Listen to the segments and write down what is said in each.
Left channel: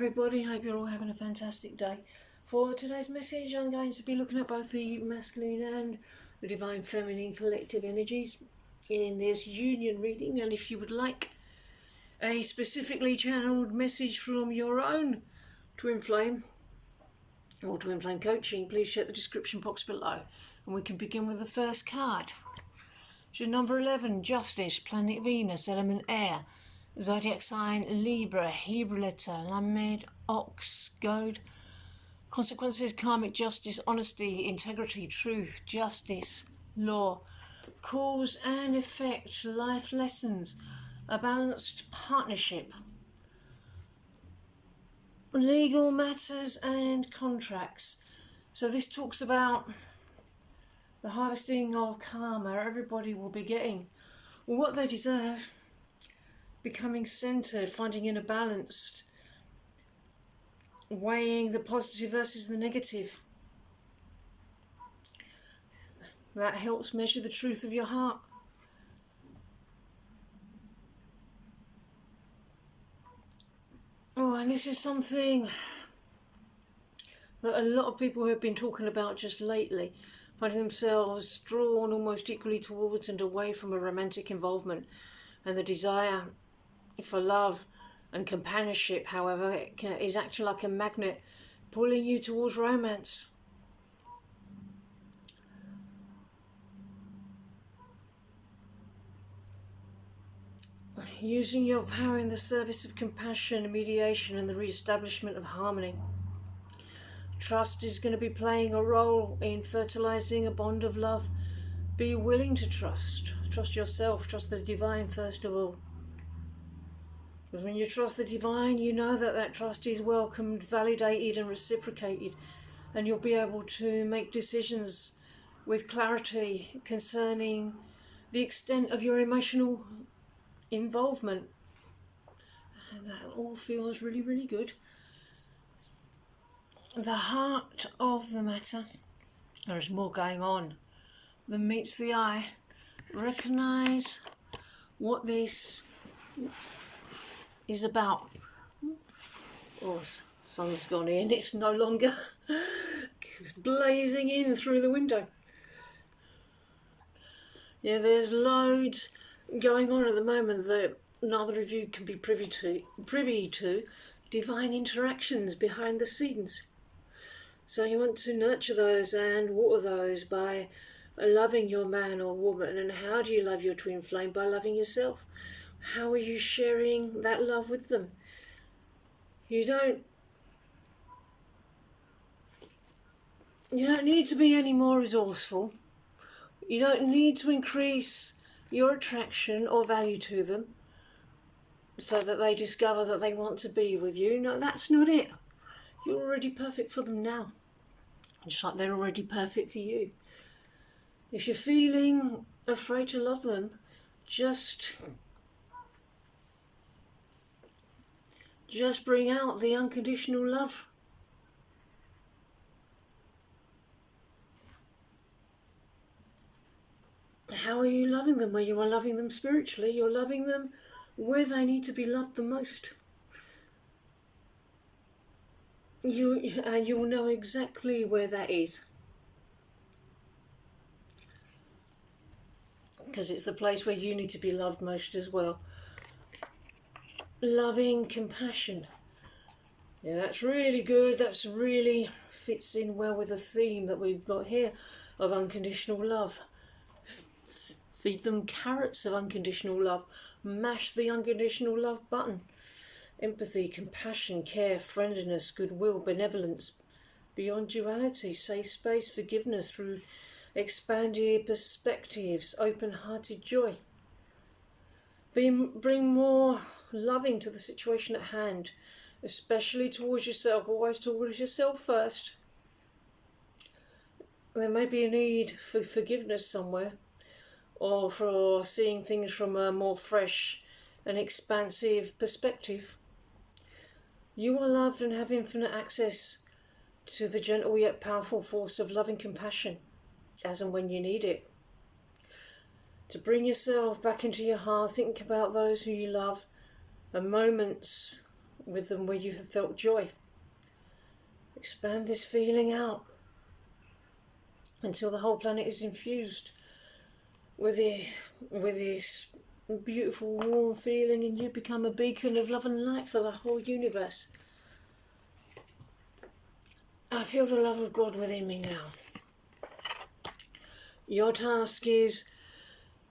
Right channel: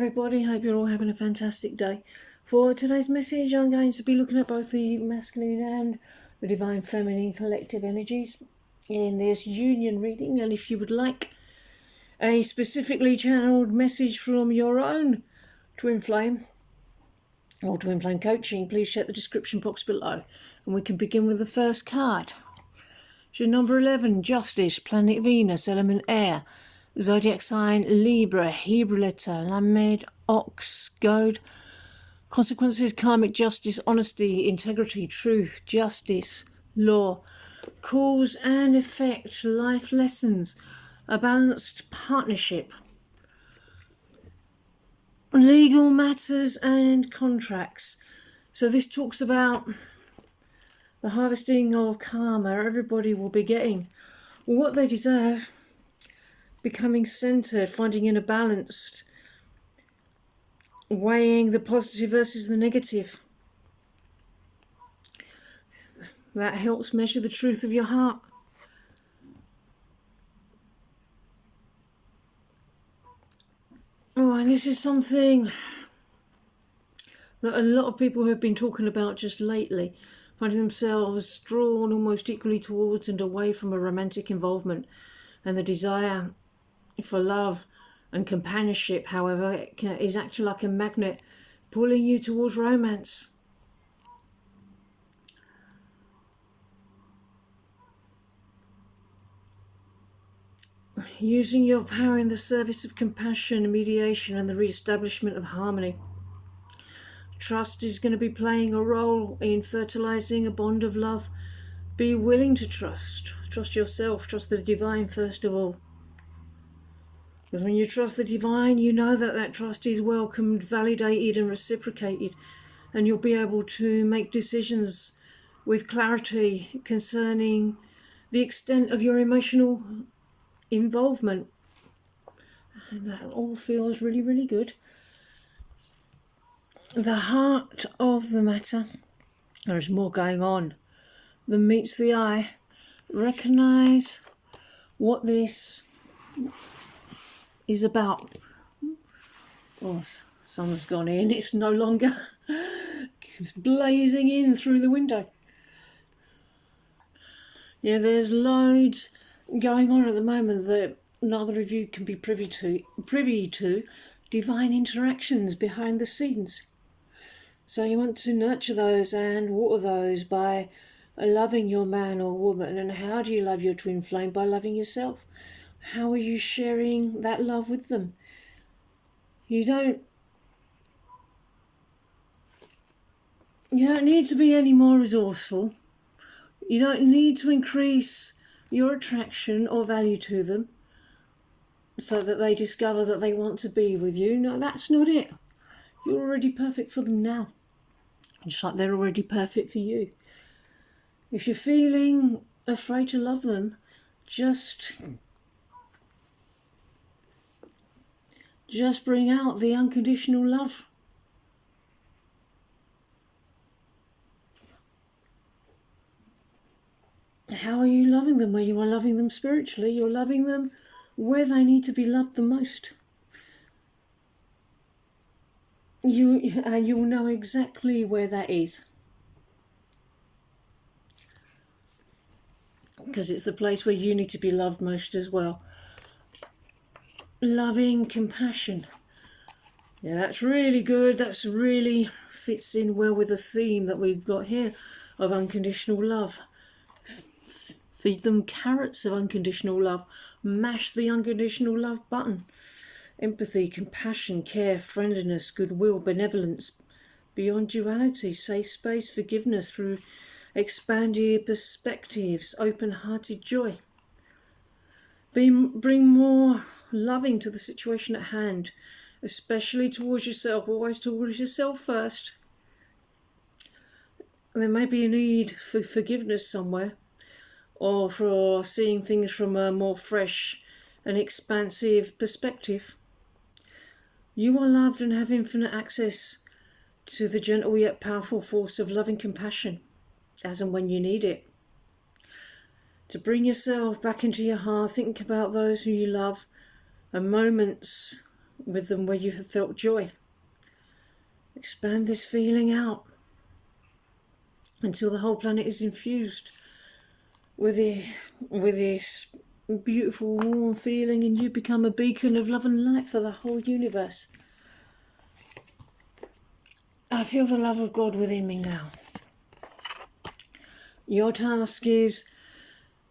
everybody, hope you're all having a fantastic day. For today's message, I'm going to be looking at both the masculine and the divine feminine collective energies in this union reading. And if you would like a specifically channeled message from your own twin flame or twin flame coaching, please check the description box below. And we can begin with the first card. So number 11, Justice, planet Venus, element air, zodiac sign Libra, Hebrew letter Lamed, Ox, Goad. Consequences: karmic justice, honesty, integrity, truth, justice, law. Cause and effect, life lessons, a balanced partnership, legal matters and contracts. So this talks about the harvesting of karma. Everybody will be getting what they deserve, becoming centered, finding inner balance, weighing the positive versus the negative. That helps measure the truth of your heart. Oh, and this is something that a lot of people have been talking about just lately, finding themselves drawn almost equally towards and away from a romantic involvement, and the desire for love and companionship, however, is actually like a magnet pulling you towards romance. Using your power in the service of compassion, mediation, and the re-establishment of harmony. Trust is going to be playing a role in fertilizing a bond of love. Be willing to trust. Trust yourself. Trust the divine first of all. Because when you trust the divine, you know that that trust is welcomed, validated, and reciprocated. And you'll be able to make decisions with clarity concerning the extent of your emotional involvement. And that all feels really, really good. The heart of the matter. There's more going on than meets the eye. Recognize what this is about. Oh, sun's gone in. It's no longer it's blazing in through the window. Yeah, there's loads going on at the moment that neither of you can be privy to. Divine interactions behind the scenes. So you want to nurture those and water those by loving your man or woman. And how do you love your twin flame? By loving yourself. How are you sharing that love with them? You don't need to be any more resourceful. You don't need to increase your attraction or value to them so that they discover that they want to be with you. No, that's not it. You're already perfect for them now, just like they're already perfect for you. If you're feeling afraid to love them, just bring out the unconditional love. How are you loving them? Well, you are loving them spiritually. You're loving them where they need to be loved the most. You will know exactly where that is. Because it's the place where you need to be loved most as well. Loving compassion. Yeah, that's really good. That's really fits in well with the theme that we've got here of unconditional love. Feed them carrots of unconditional love. Mash the unconditional love button. Empathy, compassion, care, friendliness, goodwill, benevolence, beyond duality, safe space, forgiveness through expanded perspectives, open-hearted joy. Bring more loving to the situation at hand, especially towards yourself. Always towards yourself first. There may be a need for forgiveness somewhere, or for seeing things from a more fresh and expansive perspective. You are loved and have infinite access to the gentle yet powerful force of loving compassion, as and when you need it. To bring yourself back into your heart, think about those who you love, and moments with them where you have felt joy. Expand this feeling out until the whole planet is infused with this beautiful warm feeling, and you become a beacon of love and light for the whole universe. I feel the love of God within me now. Your task is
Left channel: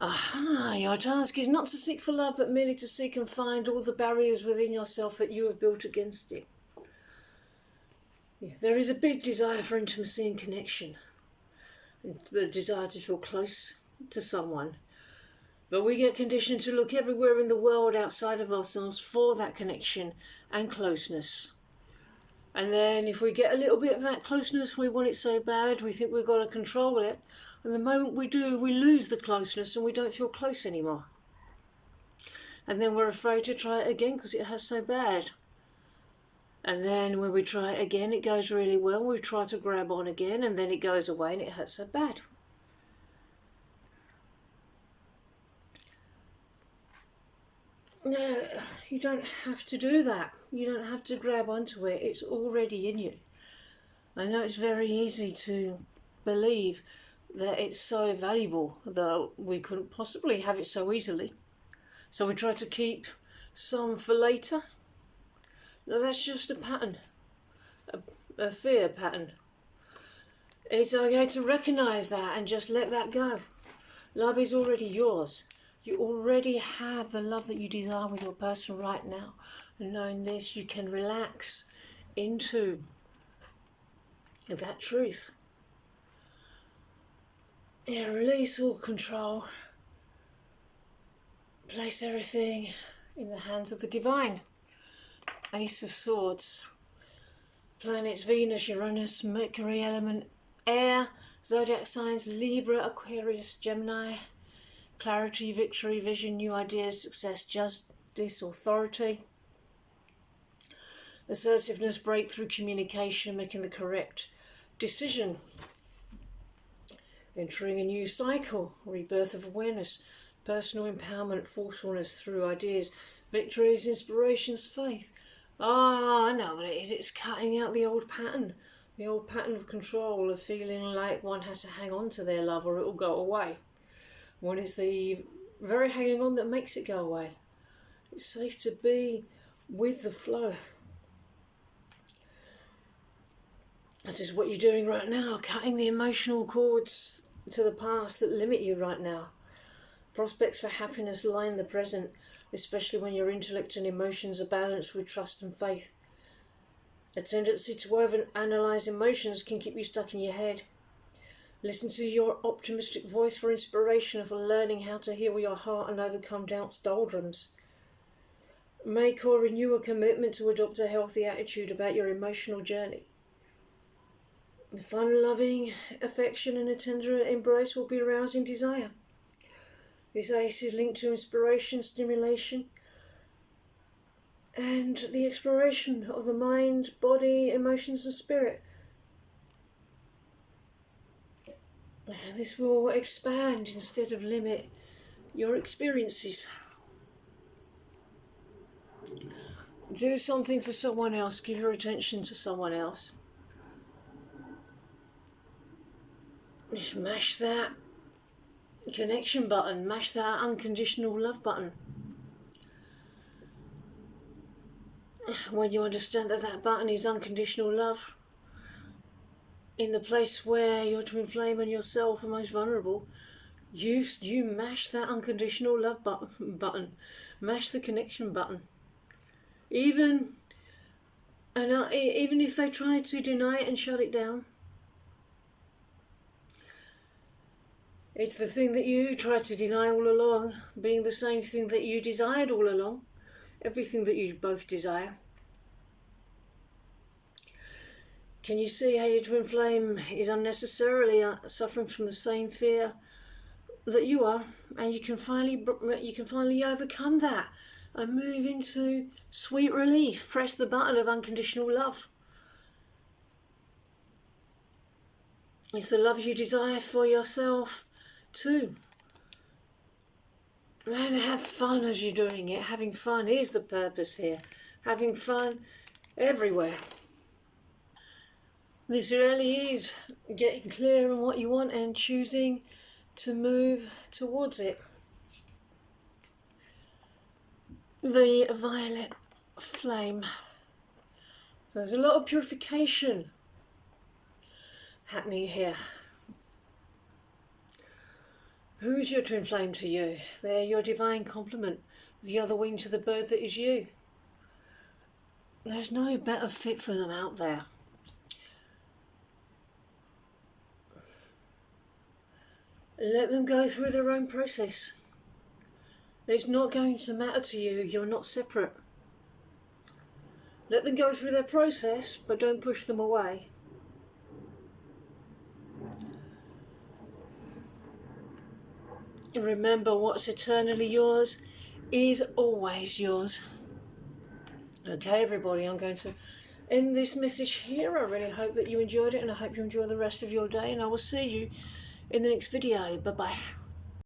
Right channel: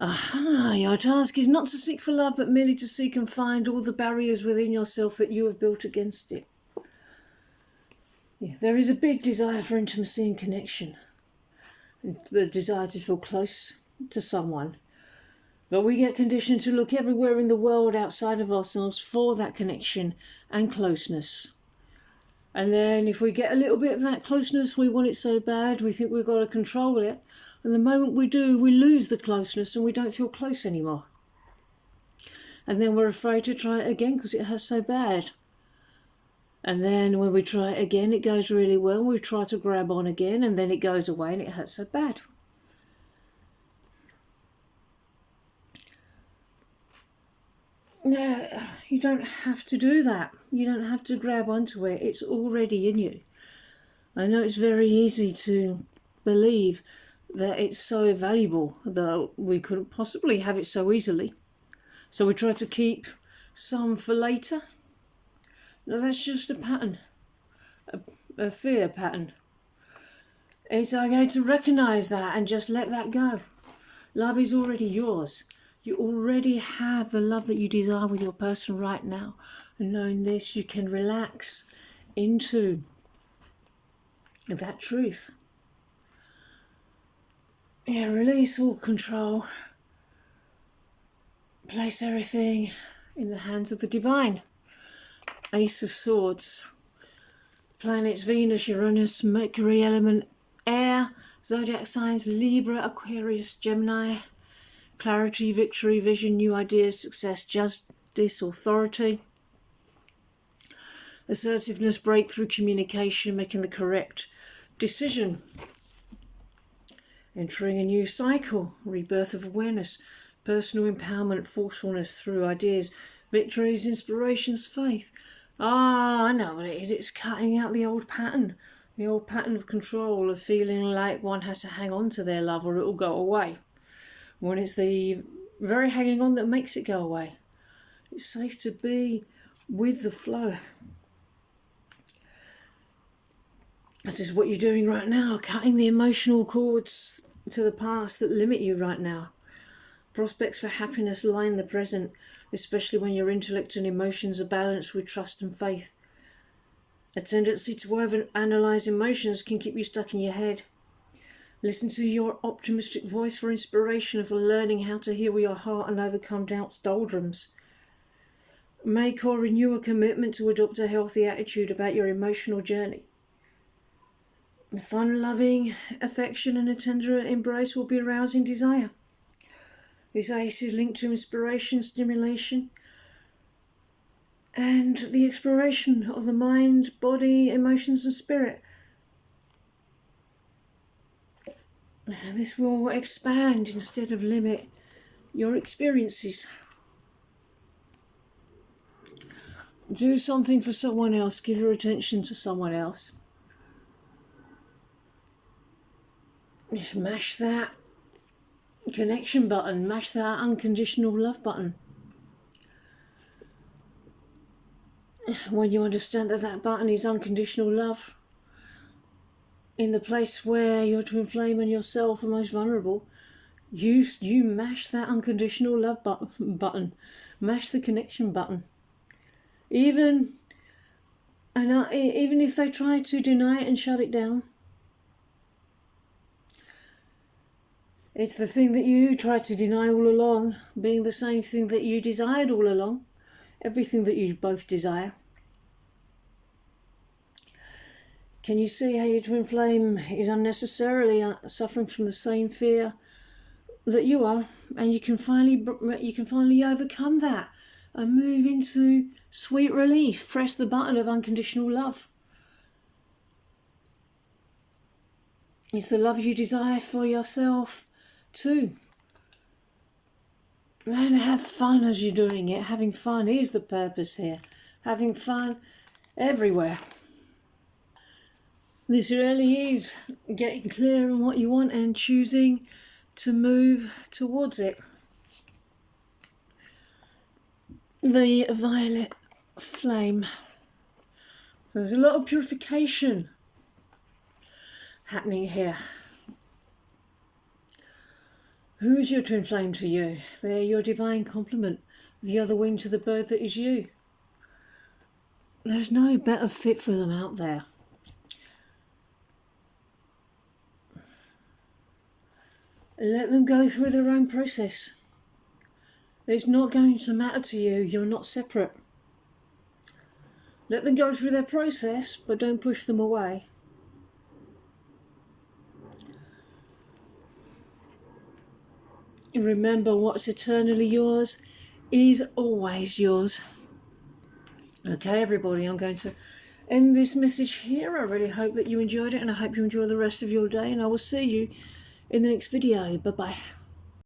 not to seek for love, but merely to seek and find all the barriers within yourself that you have built against it. Yeah, there is a big desire for intimacy and connection, and the desire to feel close to someone. But we get conditioned to look everywhere in the world outside of ourselves for that connection and closeness. And then if we get a little bit of that closeness, we want it so bad, we think we've got to control it. And the moment we do, we lose the closeness and we don't feel close anymore. And then we're afraid to try it again because it hurts so bad. And then when we try it again, it goes really well. We try to grab on again and then it goes away and it hurts so bad. No, you don't have to do that. You don't have to grab onto it. It's already in you. I know it's very easy to believe that it's so valuable that we couldn't possibly have it so easily. So we try to keep some for later. No, that's just a pattern, a fear pattern. It's okay to recognise that and just let that go. Love is already yours. You already have the love that you desire with your person right now. And knowing this, you can relax into that truth. Yeah, release all control. Place everything in the hands of the divine. Ace of Swords. Planets Venus, Uranus, Mercury, element air, zodiac signs Libra, Aquarius, Gemini. Clarity, victory, vision, new ideas, success, justice, authority. Assertiveness, breakthrough, communication, making the correct decision. Entering a new cycle, rebirth of awareness, personal empowerment, forcefulness through ideas, victories, inspirations, faith. I know what it is. It's cutting out the old pattern of control, of feeling like one has to hang on to their love or it will go away. When it's the very hanging on that makes it go away. It's safe to be with the flow. That is what you're doing right now, cutting the emotional cords to the past that limit you right now. Prospects for happiness lie in the present, especially when your intellect and emotions are balanced with trust and faith. A tendency to overanalyze emotions can keep you stuck in your head. Listen to your optimistic voice for inspiration, for learning how to heal your heart and overcome doubt's doldrums. Make or renew a commitment to adopt a healthy attitude about your emotional journey. Fun, loving affection and a tender embrace will be arousing desire. This ace is linked to inspiration, stimulation, and the exploration of the mind, body, emotions and spirit. This will expand instead of limit your experiences. Do something for someone else. Give your attention to someone else. Just mash that connection button. Mash that unconditional love button. When you understand that that button is unconditional love, in the place where your twin flame and yourself are most vulnerable, you mash that unconditional love button. Mash the connection button. Even if they try to deny it and shut it down, it's the thing that you tried to deny all along, being the same thing that you desired all along. Everything that you both desire. Can you see how your twin flame is unnecessarily suffering from the same fear that you are, and you can finally overcome that and move into sweet relief. Press the button of unconditional love. It's the love you desire for yourself too. And have fun as you're doing it. Having fun is the purpose here. having fun everywhere. This really is getting clear on what you want and choosing to move towards it. The violet flame. There's a lot of purification happening here. Who's your twin flame to you? They're your divine complement, the other wing to the bird that is you. There's no better fit for them out there. Let them go through their own process. It's not going to matter to you. You're not separate. Let them go through their process, but don't push them away. And remember, what's eternally yours is always yours. Okay, everybody, I'm going to end this message here. I really hope that you enjoyed it, and I hope you enjoy the rest of your day, and I will see you in the next video. Bye-bye.